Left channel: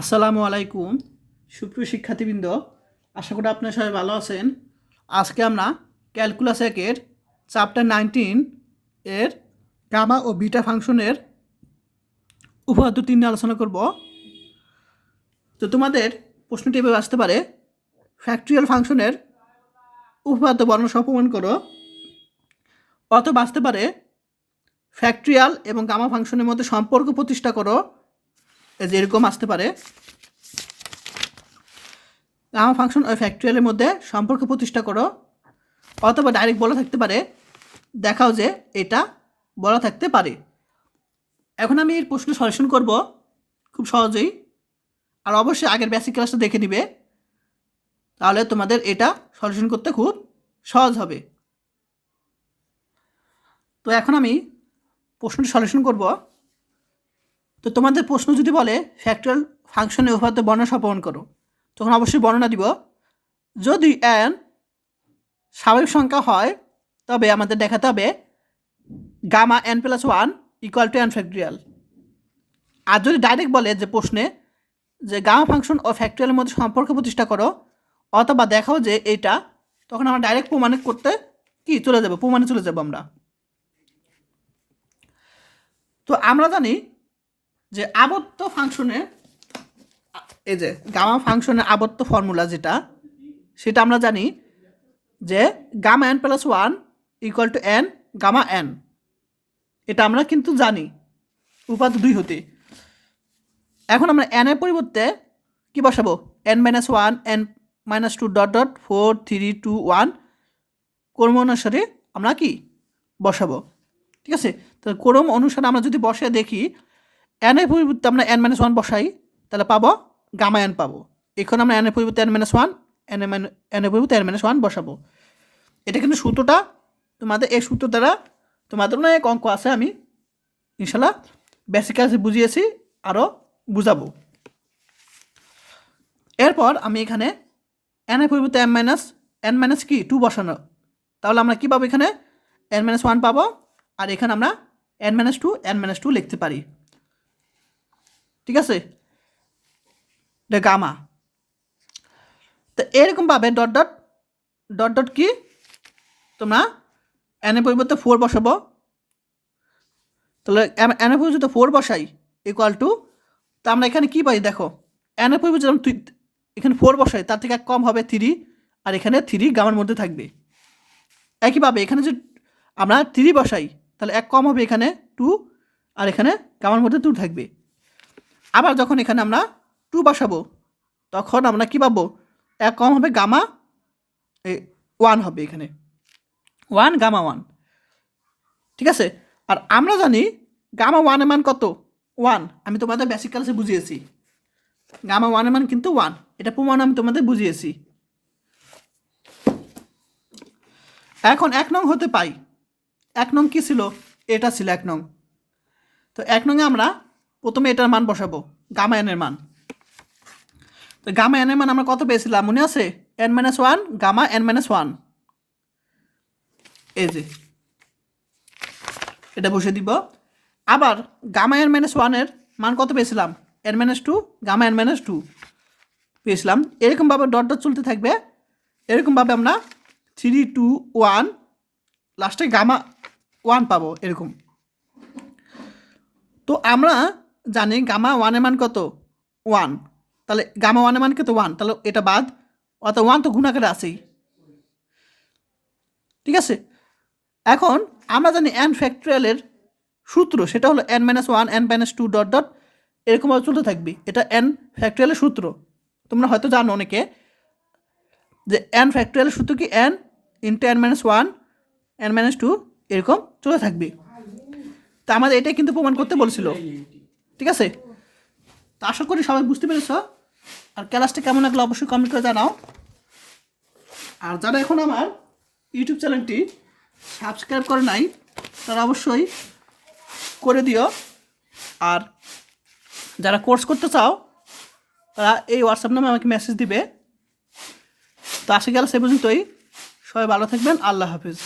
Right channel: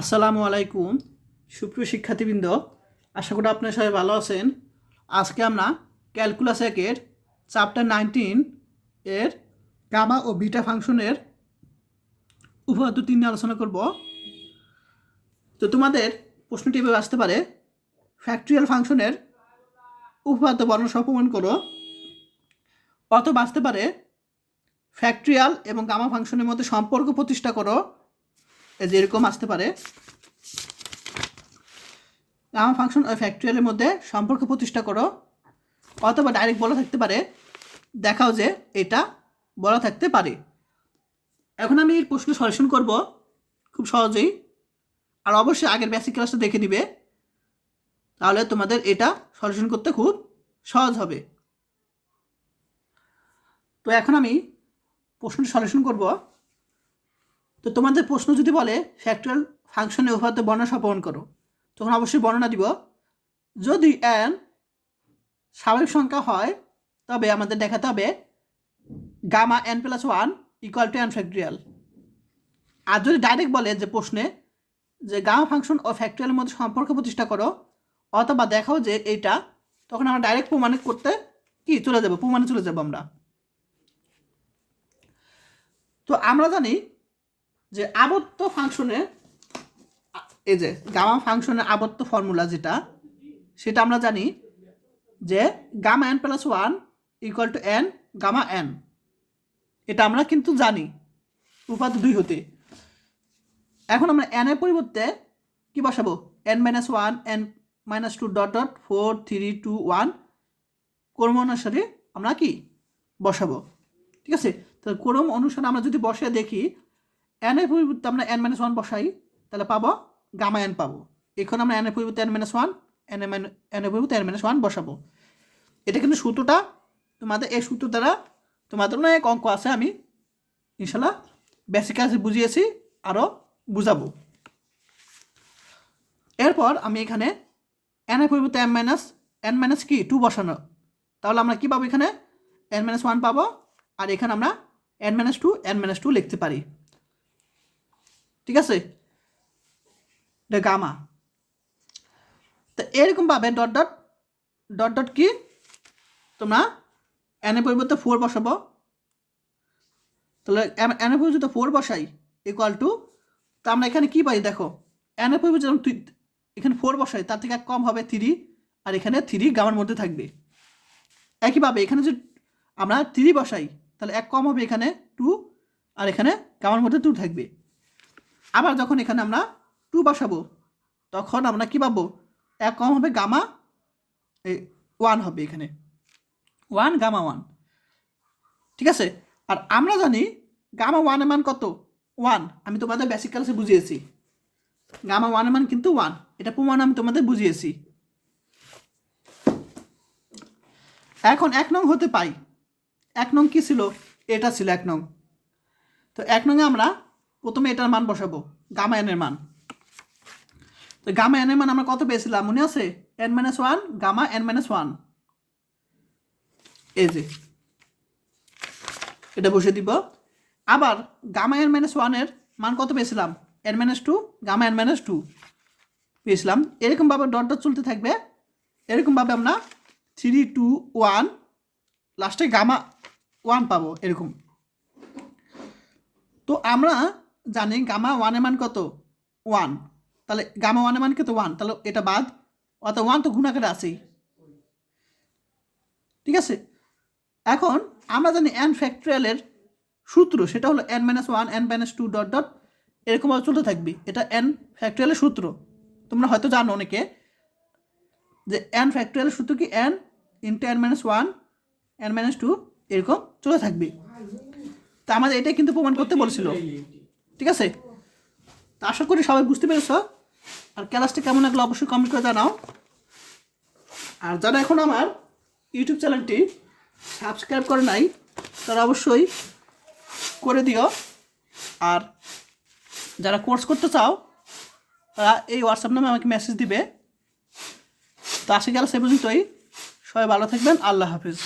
আসসালামু আলাইকুম সুপ্রিয় শিক্ষার্থীবৃন্দ, আশা করি আপনারা সবাই ভালো আছেন। আজকে আমরা ক্যালকুলাস একের চ্যাপ্টার 19 এর গামা ও বিটা ফাংশনের উপপাদ্য 3 নিয়ে আলোচনা করব। তো তোমাদের প্রশ্নটি এভাবে আসতে পারে, ফ্যাক্টরিয়াল ফাংশনের উপপাদ্য বর্ণনা সহ প্রমাণ করো। অথবা আসতে পারে ফ্যাক্টরিয়াল এবং গামা ফাংশনের মধ্যে সম্পর্ক প্রতিষ্ঠা করো, যেরকম আসতে পারে গামা ফাংশন ও ফ্যাক্টরিয়ালের মধ্যে সম্পর্ক প্রতিষ্ঠা করো। অথবা ডাইরেক্ট বলা থাকতে পারে দেখাও যে এটা বলা থাকতে পারে। এখন আমি এর প্রশ্ন সলিউশন করব খুব সহজেই, আর অবশ্যই আগের বেসিক ক্লাসটা দেখে নিবে, তাহলে তোমাদের এটা সলিউশন করতে খুব সহজ হবে। তো এখন আমি প্রশ্নটি সলিউশন করব। তো তোমাদের প্রশ্ন যদি বলে ফ্যাক্টরিয়াল ফাংশনের উপপাদ্য বর্ণনা সহ প্রমাণ করো, তখন অবশ্যই বর্ণনা দিব। যদি n স্বাভাবিক সংখ্যা হয় তবে আমাদের দেখাতে হবে gamma n+1 equal to n factorial. আর যদি ডাইরেক্ট বলে যে প্রশ্নে যে গামা ফাংশন ও ফ্যাক্টরিয়ালের মধ্যে সম্পর্ক প্রতিষ্ঠা করো অথবা দেখাও যে এইটা, তখন আমরা ডাইরেক্ট প্রমাণিত করতে চলে যাব, প্রমাণে চলে যাব আমরা। তো আমরা জানি যে আবর্ত ফাংশনে এই যে গামা ফাংশনের আবর্ত ফর্মুলা সেটা আমরা জানি যে gamma n+1 equal to n gamma n। এটা আমরা কিন্তু জানি উপপাদ্য 2 হতে। এখন আমরা n এর পরিবর্তে কি বসাবো? n-1 n-2 ডট ডট 4 3 2 1 ক্রম অনুসারে আমরা কি বসাবো, ঠিক আছে? তো ক্রম অনুসারে আমরা যদি বসে দেখি n এর পরিবর্তে আমরা n-1 বসাই, তাহলে পাবো গামা n পাবো। এখন আমরা n এর পরিবর্তে n-1 n এর পরিবর্তে n-1 বসাবো। এটা কিন্তু সূত্রটা তোমাদের এই সূত্র দ্বারা তোমাদের অনেক অঙ্ক আছে, আমি ইনশাল্লাহ বেসিক ক্লাসে বুঝিয়েছি, আরও বুঝাবো। এরপর আমি এখানে n এর পরিবর্তে n কি 2 বসানো, তাহলে আমরা কী পাবো? এখানে n-1 পাবো, আর এখানে আমরা n-2 লিখতে পারি, ঠিক আছে? এটা গামা। তো এরকমভাবে ডট ডট ডট ডট কি তোমরা n এর পরিবর্তে 4 বসাবো, তাহলে n এর পরিবর্তে 4 বসাই ইকুয়াল টু, তা আমরা এখানে কী পাই দেখো, n এর পরিবর্তে যখন এখানে 4 বসাই তার থেকে এক কম হবে 3, আর এখানে 3 গামার মধ্যে থাকবে। একইভাবে এখানে যে আমরা 3 বসাই তাহলে এক কম হবে এখানে 2, আর এখানে গামার মধ্যে 2 থাকবে। আবার যখন এখানে আমরা 2 বসাবো তখন আমরা কী পাবো? এক কম হবে গামা 1 হবে, এখানে 1 গামা 1, ঠিক আছে? আর আমরা জানি গামা 1 এর মান কত? 1। আমি তোমাদের বেসিক ক্লাসে বুঝিয়েছি গামা 1 এর মান কিন্তু 1, এটা প্রমাণ আমি তোমাদের বুঝিয়েছি। এখন 1 নং হতে পাই, 1 নং কী ছিল? এটা ছিল 1 নং। তো 1 নংয়ে আমরা প্রথমে এটার মান বসাবো, গামা n এর মান। তো গামা n এর মান আমরা কত পেয়েছিলাম মনে আছে? n-1 গামা n-1, এই যে এটা বসে দিব। আবার গামা n-1 এর মান কত পেয়েছিলাম? n-2 গামা n-2 পেয়েছিলাম। এরকমভাবে ডট ডট চলতে থাকবে, এরকমভাবে আমরা 3 2 1 লাস্টে গামা 1 পাবো এরকম। তো আমরা জানি গামা 1 এর মান কত? 1, তাহলে গামা 1 এর মান কত? 1, তাহলে এটা বাদ, অর্থাৎ 1 তো গুণাকারে আছেই, ঠিক আছে? এখন আমরা জানি n ফ্যাক্টরিয়ালের সূত্র, সেটা হলো n-1 n-2 ডট ডট এরকমভাবে চলতে থাকবে। এটা n ফ্যাক্টরিয়ালের সূত্র, তোমরা হয়তো জানো অনেকে যে n ফ্যাক্টরিয়ালের সূত্র কি n ইন্টু n-1 n-2 এরকম চলে থাকবে। তা আমাদের এটাই কিন্তু প্রমাণ করতে বলছিল, ঠিক আছে? তা আশা করি সবাই বুঝতে পেরেছ। আর ক্লাসটা কেমন লাগলো অবশ্যই কমেন্ট করে জানাও। আর যারা এখন আমার ইউটিউব চ্যানেলটি সাবস্ক্রাইব করে নাই তারা অবশ্যই করে দিও। আর যারা কোর্স করতে চাও তারা এই হোয়াটসঅ্যাপ নামে আমাকে মেসেজ দিবে। তো আজকে গেলে সে পর্যন্তই, সবাই ভালো থাকবেন, আল্লাহ হাফিজ।